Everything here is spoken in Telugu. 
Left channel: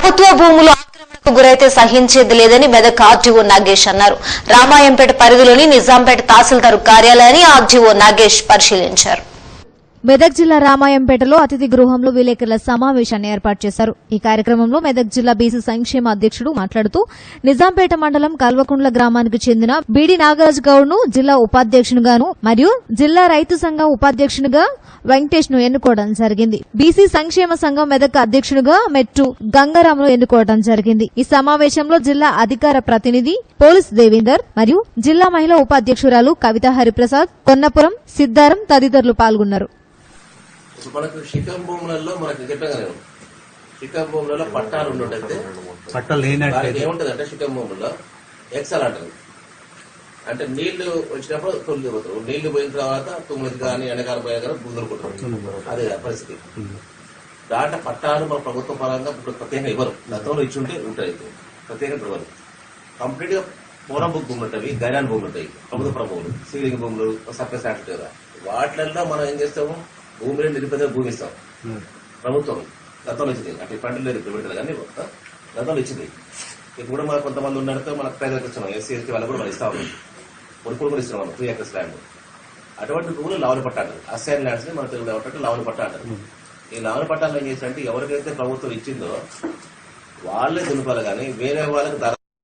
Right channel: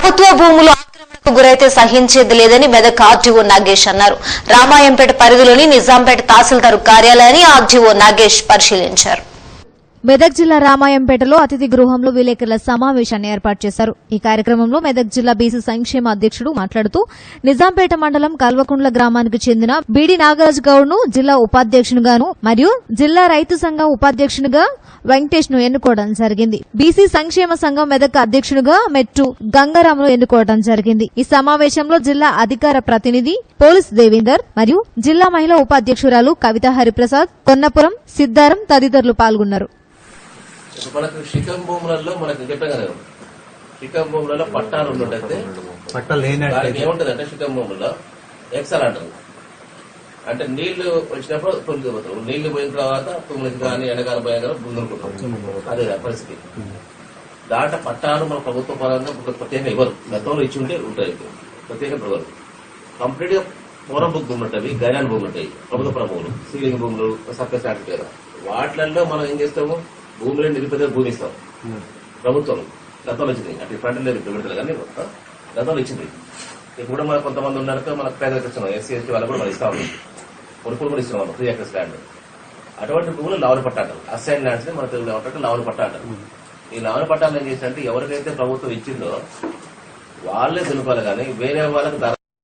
ప్రభుత్వ భూములు ఆక్రమణకు గురైతే సహించేది లేదని మెదక్ ఆర్డీఓ నాగేష్ అన్నారు. రామాయంపేట పరిధిలోని నిజాంపేట తహసీల్దార్ కార్యాలయాన్ని ఆర్డీఓ నాగేష్ పరిశీలించారు. మెదక్ జిల్లా రామాయంపేటలో అతిథి గృహంలో విలేకరుల సమావేశాన్ని ఏర్పాటు చేశారు. ఈ కార్యక్రమంలో మెదక్ జిల్లా బీసీ సంక్షేమ అధ్యక్షుడు మాట్లాడుతూ నిజాంపేట మండలం కల్వకుంట్ల గ్రామానికి చెందిన బీడి నాగరాజ్ గౌడ్ ను జిల్లా ఉపాధ్యక్షునిగాను మరియు జిల్లా రైతు సంఘం ఉపాధ్యక్షునిగా వెంకటేష్ ను ఎన్నుకోవడం జరిగింది. బీసీ సంక్షేమ సంఘం మెదక్ అధ్యక్షునిగా మెట్టు గంగారాంను ఎన్నుకోవడం జరిగింది. ఈ సమావేశంలో జిల్లా అధికార ప్రతినిధి పోలీస్ దేవేందర్ మరియు జిల్లా మహిళా ఉపాధ్యక్షురాలు కవిత హరిప్రసాద్, కొన్నపురం సిద్దారం తదితరులు పాల్గొన్నారు. మనకు శిఖం భూములలో మనకు చెప్పగలం శిఖం భూములలో పట్టాలు ఉన్నట్టయితే పట్టాలు ఏముంటదంటే శిఖం భూములలో ఎక్సల్ అంటారు. అంటే నీళ్లు వచ్చినప్పుడు కొలికిపోతారు. నీళ్లు పోయిన తర్వాత తుమ్మిది కానీ ఎండకాలం పోయినా కానీ ముందుకుంటాం. అదే పరిస్థితి. దాంట్లో పట్టాలు మన ప్రభుత్వ పరంగా ప్రత్యేకంగా ఇవ్వరు. గతంలో ఇచ్చి ఉంటే ఉంటాయి, ప్రత్యేకంగా ఇవ్వరు. కంప్లీట్ గా పూరం భూములు ఉంటాయి, గైరాన్ భూములు ఉంటాయి, ప్రభుత్వ భూములు, సీలింగ్ భూములు, సర్ప్లస్ ల్యాండ్. వాటిలలో మనం ఏం చేస్తాము, భూములు నిరుపేద భూమి ఇస్తాం. ప్రభుత్వం గతంలో ఇచ్చింది, అంటే ఫ్రంట్ పెడతారు కానీ గతంలో ఇచ్చింది. ఇప్పుడు మన కొంతమంది ఉన్నట్టు మనకు పేదలకు ఇస్తున్నాం, ఎస్సీ ఎస్టీ వాళ్ళకు కూడా ఇస్తాము, కొనుక్కులు కూడా ఇస్తున్నాం 3 acres ల్యాండ్. అటువంటి భూములు లావల పట్టాలు, అసైన్ ల్యాండ్స్ మన తెలుగులో ఏమంటే లావల పట్టాలు. ఈ లావల పట్టాలు ఏం చేసినట్టు ఎవరికైతే ప్రభుత్వం ఇచ్చిందో వాళ్ళే దులుపాలి కానీ వేరే వాళ్ళకి